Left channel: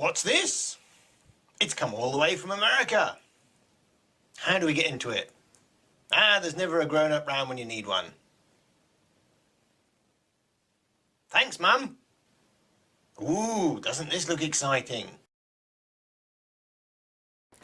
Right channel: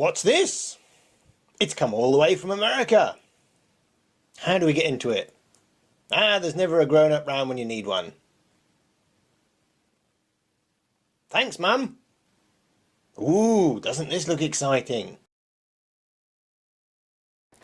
What's this? It's come all the way from America. How do we get into it? There's never a grown-up round when you need one. Thanks, Mum. Ooh, doesn't this look exciting?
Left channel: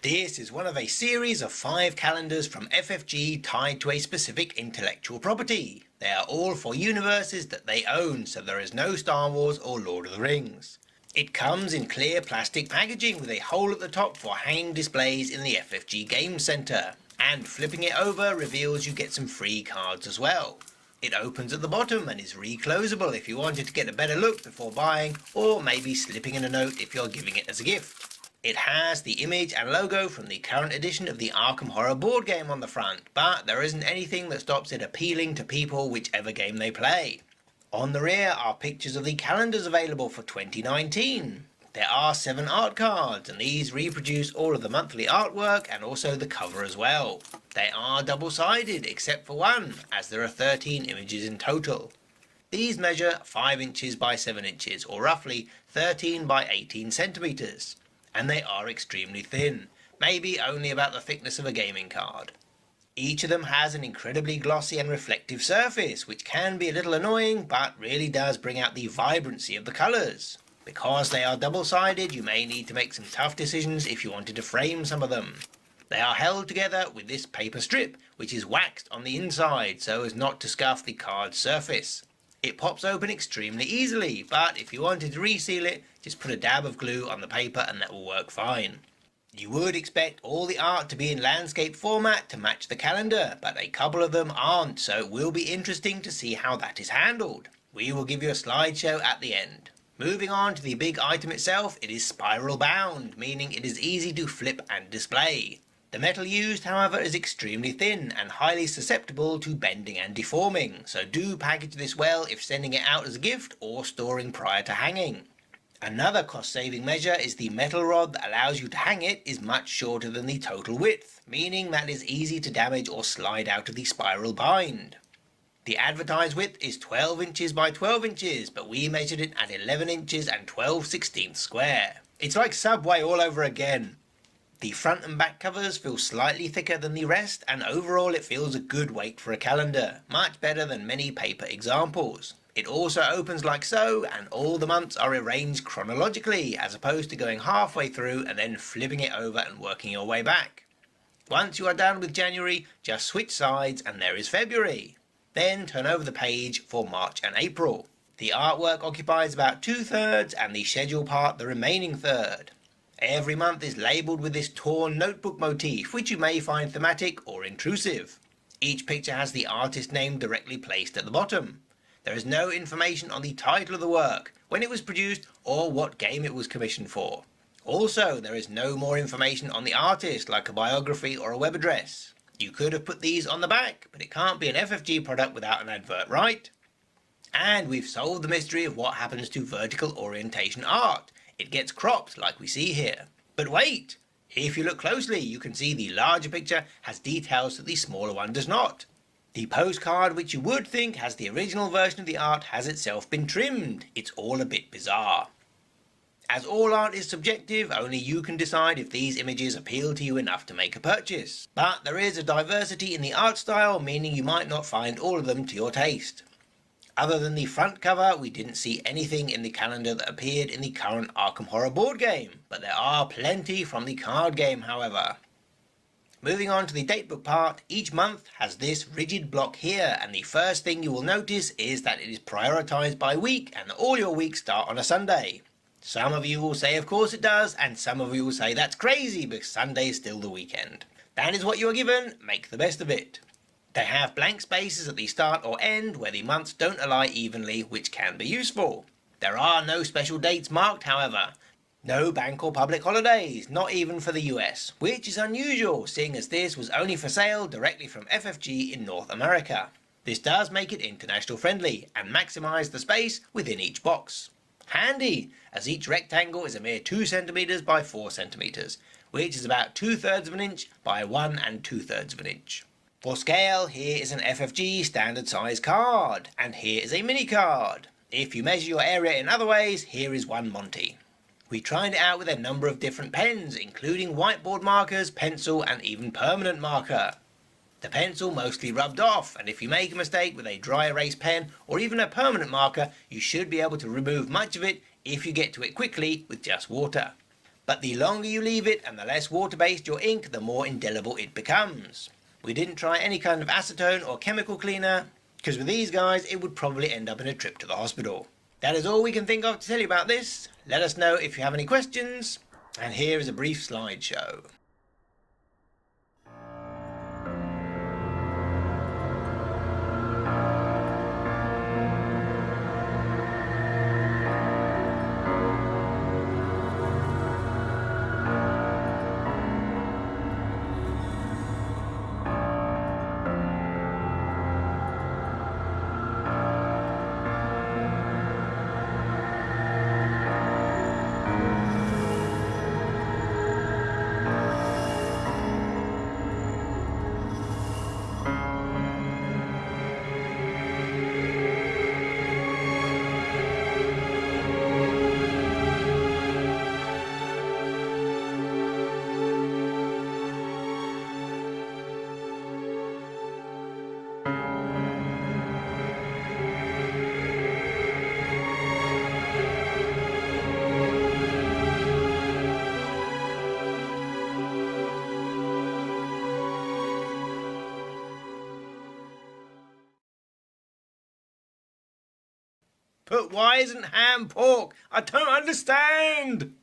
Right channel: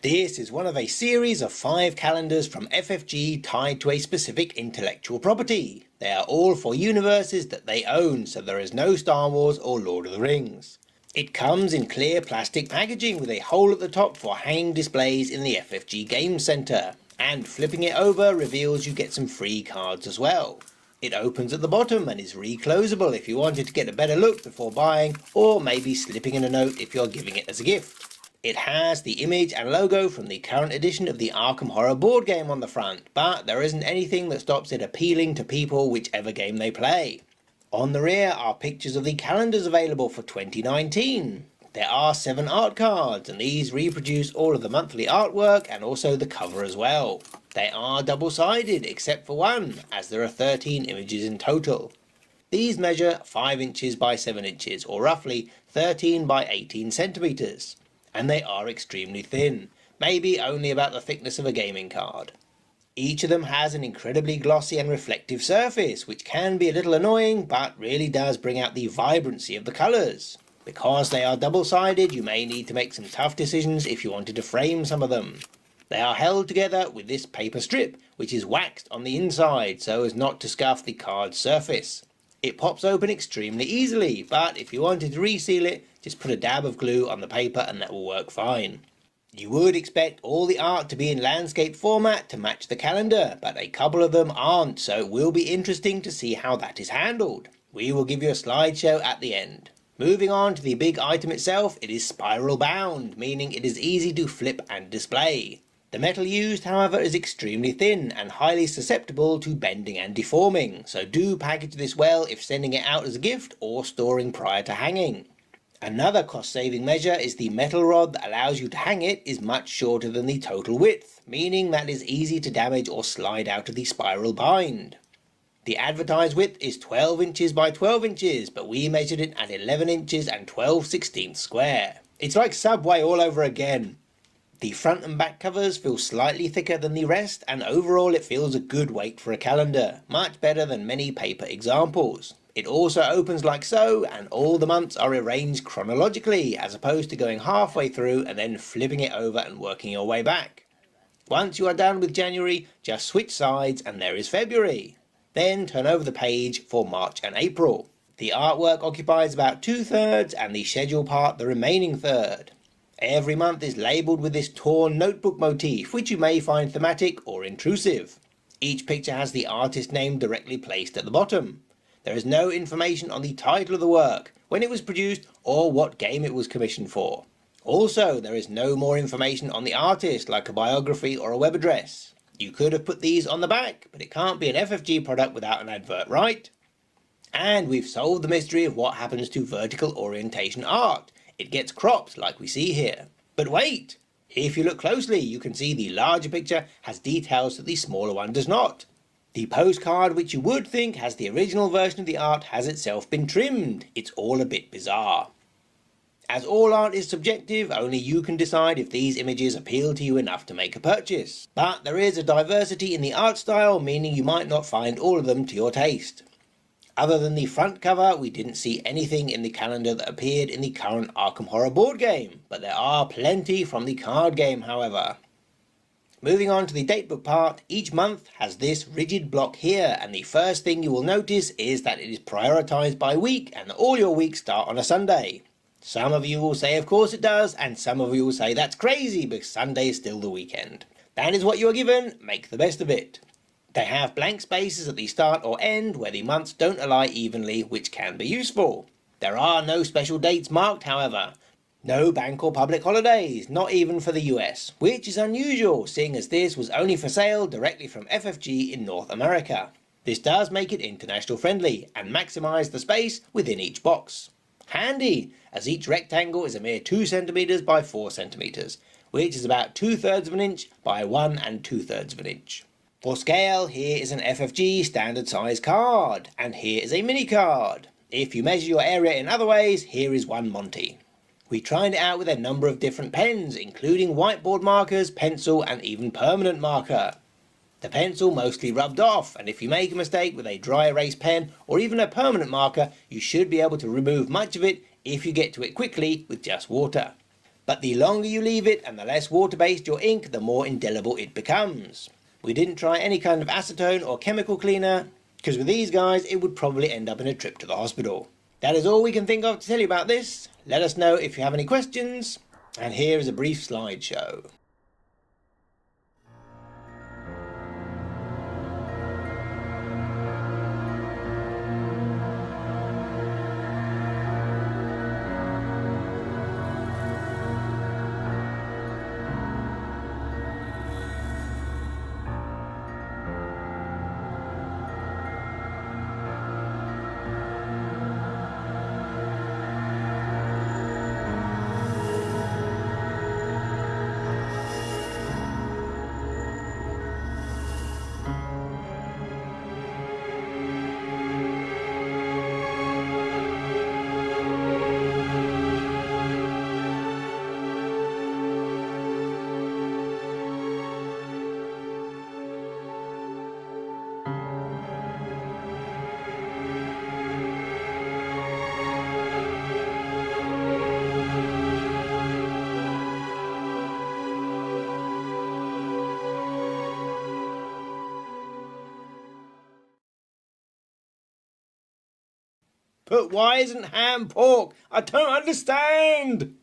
This is one of a series of 5 calendars from FFG tied to a specific intellectual property. They are all for universes that they own, so there is no Star Wars or Lord of the Rings. It comes in clear plastic packaging with a hole at the top for hanging displays in the FFG Game Centre, and flipping it over reveals you get some free cards as well. It opens at the bottom and is reclosable if you wanted to get a better look before buying, or maybe slipping in a note if you're giving it as a gift. It has the image and logo from the current edition of the Arkham horror board game on the front, but there isn't anything that stops it appealing to people whichever game they play. On the rear are pictures of the calendars available for 2019. There are 7 art cards, and these reproduce all of the monthly artwork and also the cover as well. They are double-sided except for one, as there are 13 images in total. These measure 5 inches by 7 inches, or roughly 13 by 18 centimeters. And they are extremely thin, maybe only about the thickness of a gaming card. Each of them has an incredibly glossy and reflective surface, which can be a little annoying, but really does bring out the vibrancy of the colours. Because they are double-sided, you may need to make some tough decisions if you wanted to frame some of them. They are held together with this paper strip, which is waxed on the inside so as not to scuff the card's surface. It pops open extremely easily, but if you wanted to reseal it, just put a dab of glue on the paper and that will work fine. You would expect all the art to be in landscape format to match the calendar, but a couple of them aren't, so it will be interesting to see how that is handled. We will give you a slideshow at the end. Moving on to the big item itself, it is spiral bound, meaning it is easy to flip and display. The metal used, however, is extremely thin and highly susceptible to bending and deforming, so do package this well if sending it out as a gift or storing prior to hanging. Another cost-saving measure is the metal rod that allows you to hang it is much shorter than the total width, meaning that it is easy to damage or slide out of the spiral bind. The advertised width is 12 inches by 12 inches, but we measured it at 11 inches and 12/16 square. It's like Subway all over again. The front and back covers feel slightly thicker than the rest, and overall it feels a good weight for a calendar, much better than many paper examples. It also opens like so, and all the months are arranged chronologically, as opposed to going halfway through and then flipping it over and working your way back. Once you are done with January, just switch sides and there is February. Then turn over the page for March and April. The artwork occupies about 2/3 and the schedule part the remaining third. Every month is labelled with this torn notebook motif, which you may find thematic or intrusive. Each picture has the artist name directly placed at the bottom. There is no information on the title of the work, when it was produced, or what game it was commissioned for. Also, there is no more information on the artist, like a biography or a web address. You could have put these on the back, but it can't be an FFG product without an advert, right? And we've solved the mystery of what happens to vertical orientation art. It gets cropped, like we see here. But wait! If you look closely, you can see the larger picture has details that the smaller one does not. The postcard, which you would think has the original version of the art, has itself been trimmed. It's all a bit bizarre. As all art is subjective, only you can decide if these images appeal to you enough to make a purchase. But there is a diversity in the art style, meaning you might not find all of them to your taste. Other than the front cover, we didn't see anything in the calendar that appeared in the current Arkham horror board game, but there are plenty from the card game, however. Moving on to the datebook part, each month has this rigid block here, and the first thing you will notice is that it is prioritised by week, and all your weeks start on a Sunday. Some of you will say of course it does, and some of you will say that's crazy because Sunday is still the weekend. That is what you are given, make the best of it. They have blank spaces at the start or end where the months don't align evenly, which can be useful. There are no special dates marked, however. No bank or public holidays, not even for the US, which is unusual, seeing as this was only for sale directly from FFG in North America. This does make it international friendly and maximise the space within each box. Handy, as each rectangle is a mere 2 cm by 4 cm, which is about 2/3 of an inch by 1 2/3 of an inch. For scale, here is an FFG standard size card, and here is a mini card. If you measure your area in other ways, here is one Monty. We tried it out with a number of different pens, including whiteboard markers, pencil, and even permanent marker. The pencil mostly rubbed off, and if you make a mistake with a dry erase pen or even a permanent marker, you should be able to remove much of it if you get to it quickly with just water. But the longer you leave it and the less water-based your ink, the more indelible it becomes. We didn't try any kind of acetone or chemical cleaner, because with these guys it would probably end up in a trip to the hospital. That is all we can think of to tell you about this. Let us know if you have any questions, and here is a brief slideshow. But why isn't ham pork? I don't understand!